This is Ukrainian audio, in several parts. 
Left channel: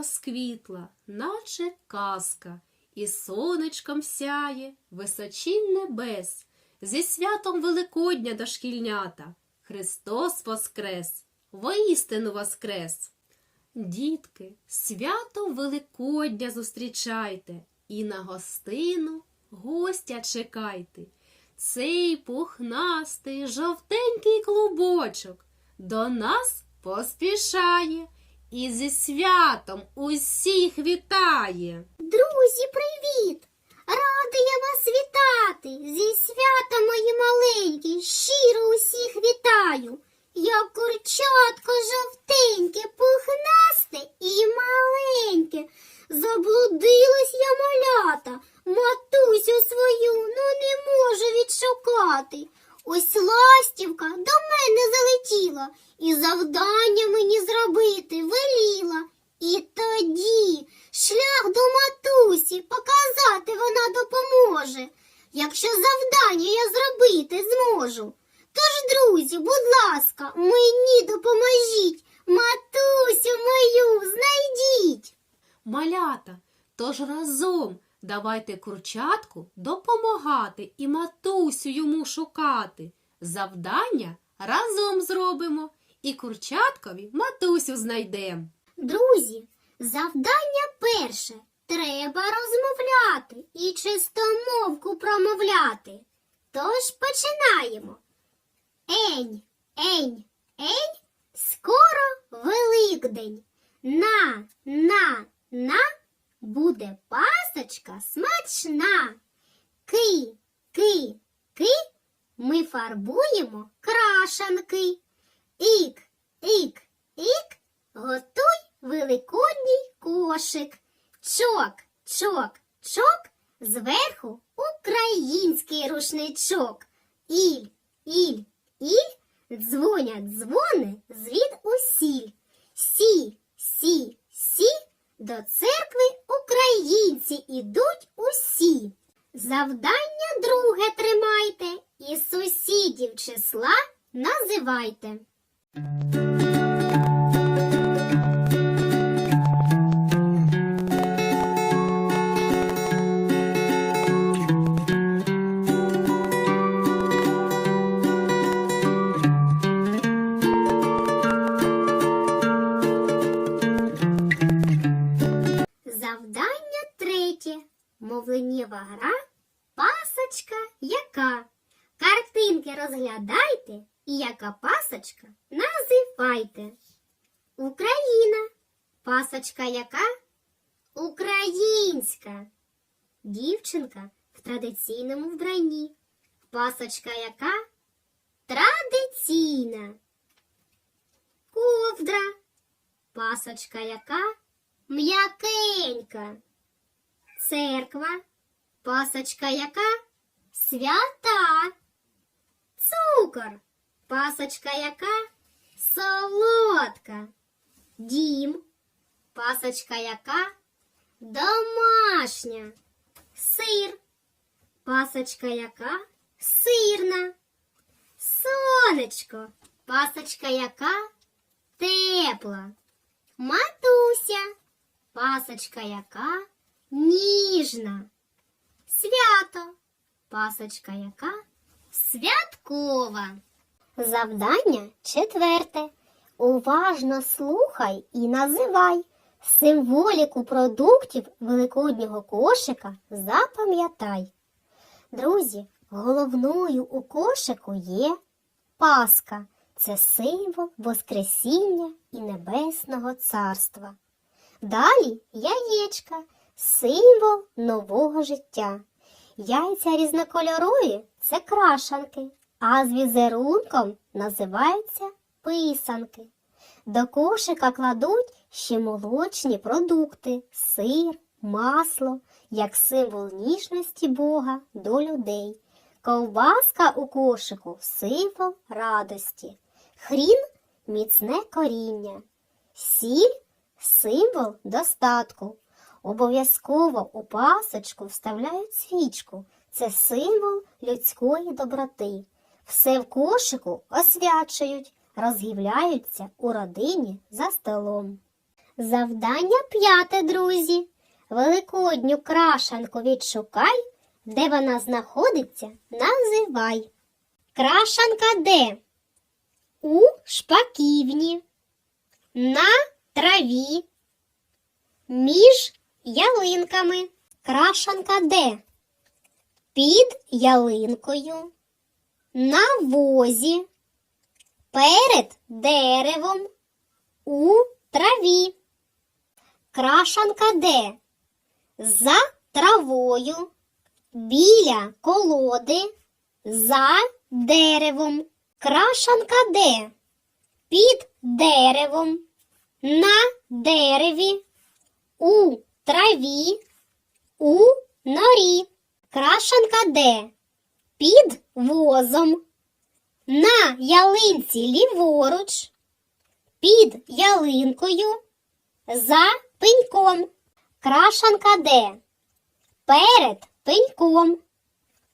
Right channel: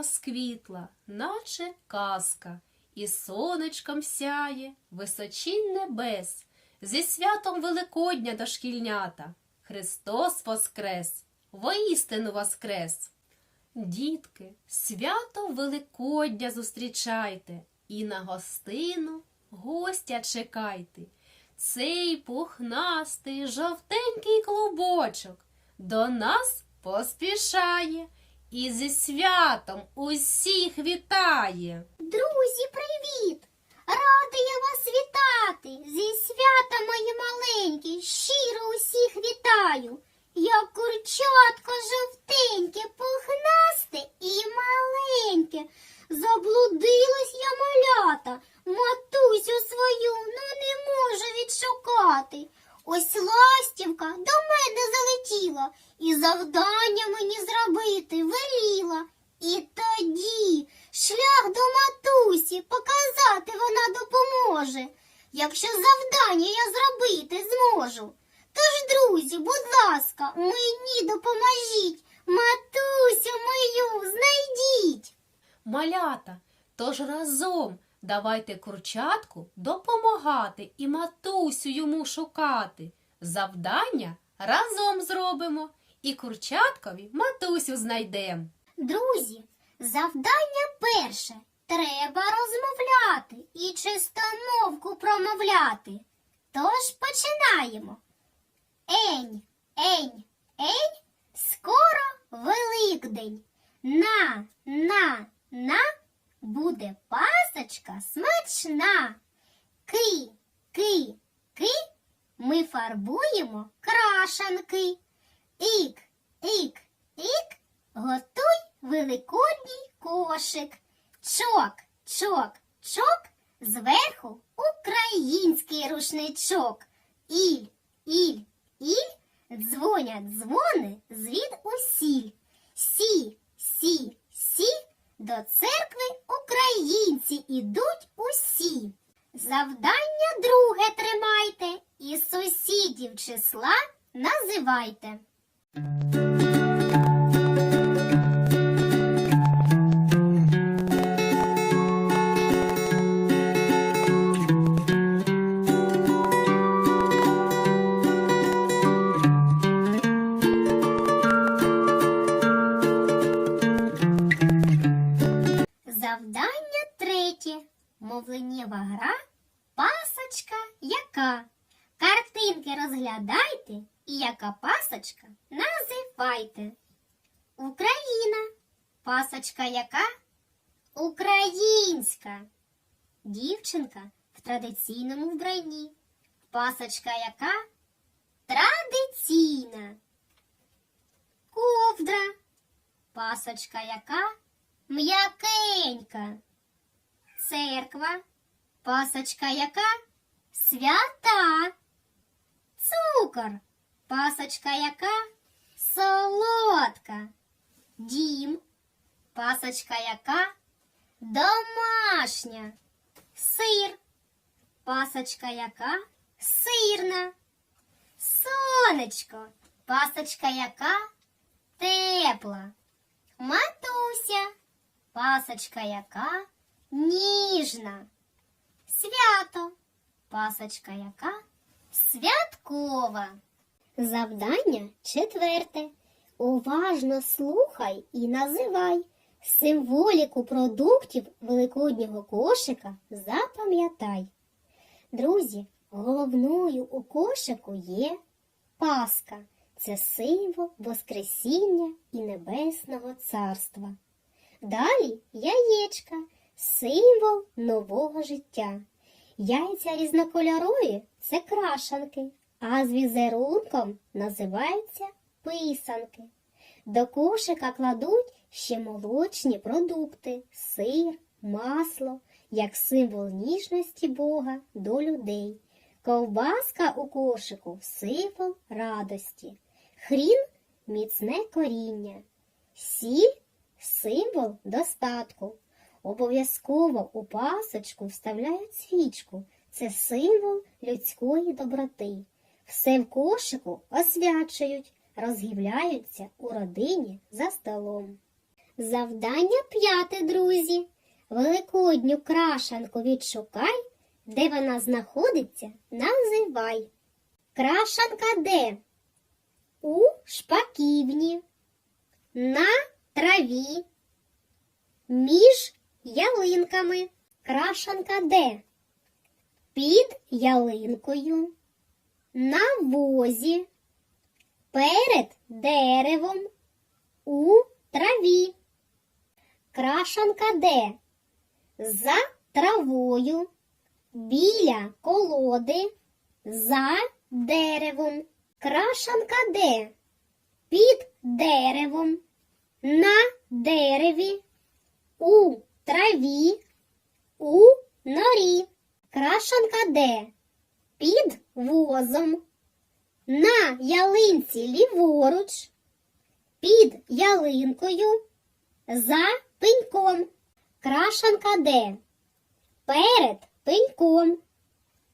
розквітла, наче казка, і сонечком сяє височінь небес. Зі святом Великодня дошкільнята. Христос воскрес, воістину воскрес. Дітки, свято Великодня зустрічайте і на гостину гостя чекайте. Цей пухнастий жовтенький клубочок до нас поспішає і зі святом усіх вітає. Друзі, привіт! Рада я вас вітати! Зі свята мої маленькі, щиро усіх вітаю. Я курчатко жовтеньке, пухнасте і маленьке. Заблудилась я малята, матусю свою, ну не можу відшукати. Ось ластівка до мене залетіла і завдання мені зробити веліла. І тоді шлях до матусі показати вона допоможе, якщо завдання я зробити зможу. Тож, друзі, будь ласка, мені допоможіть, матусю мою знайдіть. Малята, тож разом давайте курчатку допомагати і матусю йому шукати. Завдання разом зробимо і курчаткові матусю знайдемо. Друзі, завдання перше. Треба розмовляти і чистомовку промовляти. Тож починаємо. Ень, ень, ень, скоро Великдень. На, на, на буде пасочка смачна. Ки, ки, ки, ми фарбуємо крашанки. Ік, ік, ік, готуй великодній кошик. Чок, чок, чок, зверху український рушничок. Іль, іль, іль, дзвонять дзвони звід усіль. Сі, сі, сі, до церкви українці ідуть усі. Завдання друге тримайте і сусідів числа називайте. Гра Пасочка яка? Картинки розглядайте і яка пасочка називайте. Україна. Пасочка яка? Українська. Дівчинка в традиційному вбранні. Пасочка яка? Традиційна. Ковдра. Пасочка яка? М'якенька. Церква. Пасочка яка? Свята. Цукор. Пасочка яка? Солодка. Дім. Пасочка яка? Домашня. Сир. Пасочка яка? Сирна. Сонечко. Пасочка яка? Тепла. Матуся. Пасочка яка? Ніжна. Свято. Пасочка яка? Святкова. Завдання четверте. Уважно слухай і називай. Символіку продуктів великоднього кошика запам'ятай. Друзі, головною у кошику є Пасха. Це символ Воскресіння і Небесного Царства. Далі яєчка, символ нового життя. Яйця різнокольорові це крашанки, а з візерунком називаються писанки. До кошика кладуть ще молочні продукти, сир, масло, як символ ніжності Бога до людей. Ковбаска у кошику символ радості, хрін міцне коріння, сіль символ достатку. Обов'язково у пасочку вставляють свічку. Це символ людської доброти. Все в кошику освячують, розгівляються у родині за столом. Завдання п'яте, друзі. Великодню крашанку відшукай, де вона знаходиться, називай. Крашанка де? У шпаківні, на траві, між ялинками. Крашанка де? Під ялинкою, на возі, перед деревом, у траві. Крашанка де? За травою, біля колоди, за деревом. Крашанка де? Під деревом, на дереві, у траві, у норі. Крашанка де? Під возом, на ялинці ліворуч, під ялинкою, за пеньком. Крашанка де? Перед пеньком,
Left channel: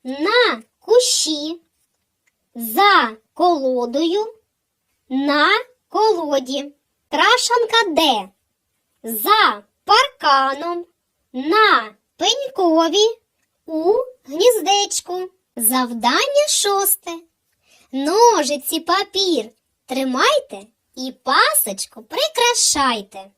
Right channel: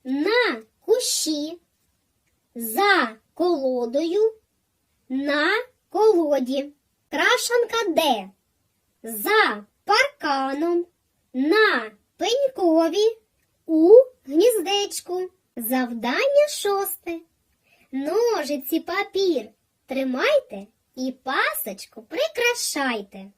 на кущі, за колодою, на колоді. Крашанка де? За парканом, на пенькові, у гніздечку. Завдання шосте. Ножиці папір тримайте і пасочку прикрашайте.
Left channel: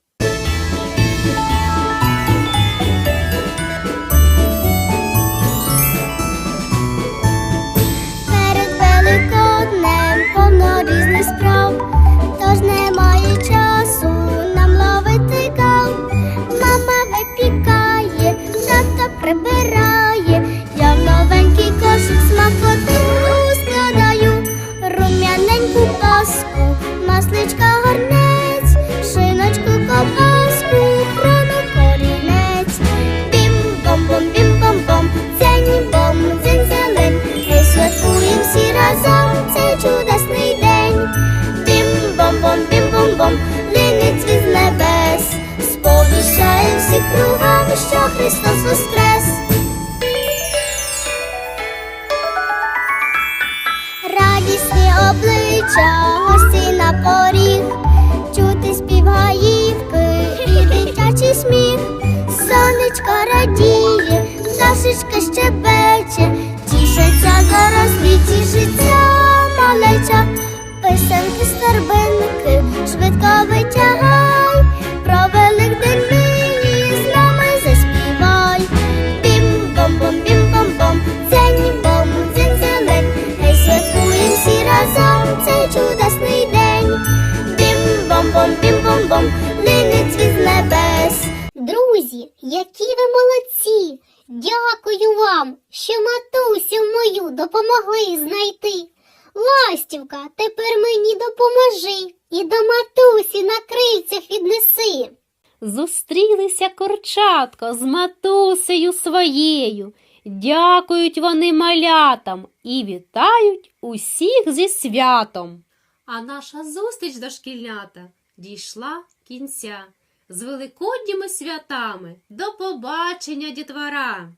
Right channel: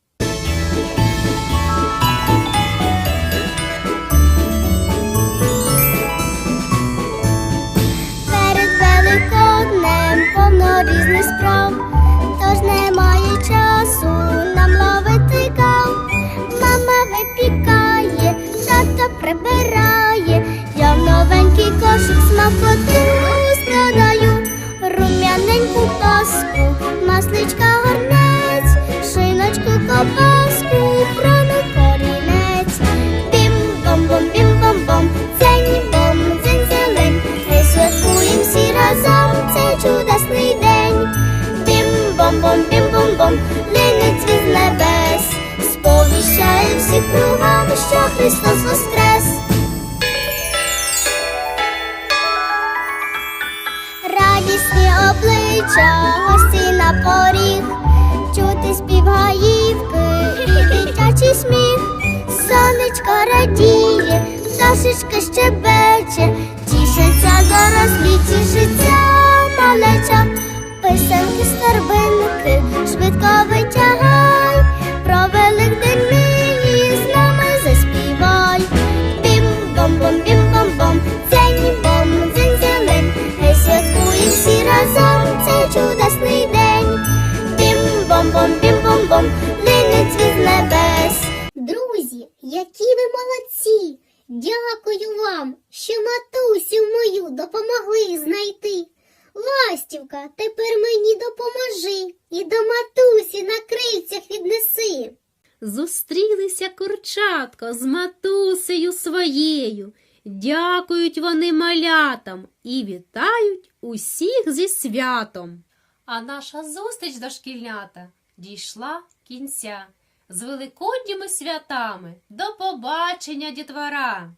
Перед великоднем повно різних справ, тож немає часу прибирає, я в новенький кошик смакоту складаю, рум'яненьку паску, масличка горнець, шиночку ковбаску, всі кругом, що Христос воскрес. Радісні обличчя, гості на поріг, чути спів гаївки і дитячий сміх. Сонечко радіє, пташечка щебече, тішиться дорослі, тішиться малеча, писанки старбинки, швидко витягай, про Великдень Дякую вам, що матусю мою допомогли знайти. Ластівка, тепер мені допоможи і до матусі на крильцях віднеси. Зустрілися курчатко з матусею своєю. Дякують вони малятам і вітають усіх зі святом. А наша зустріч дошкільнята дійшла кінця. З великодніми святами. До побачення, дітвора!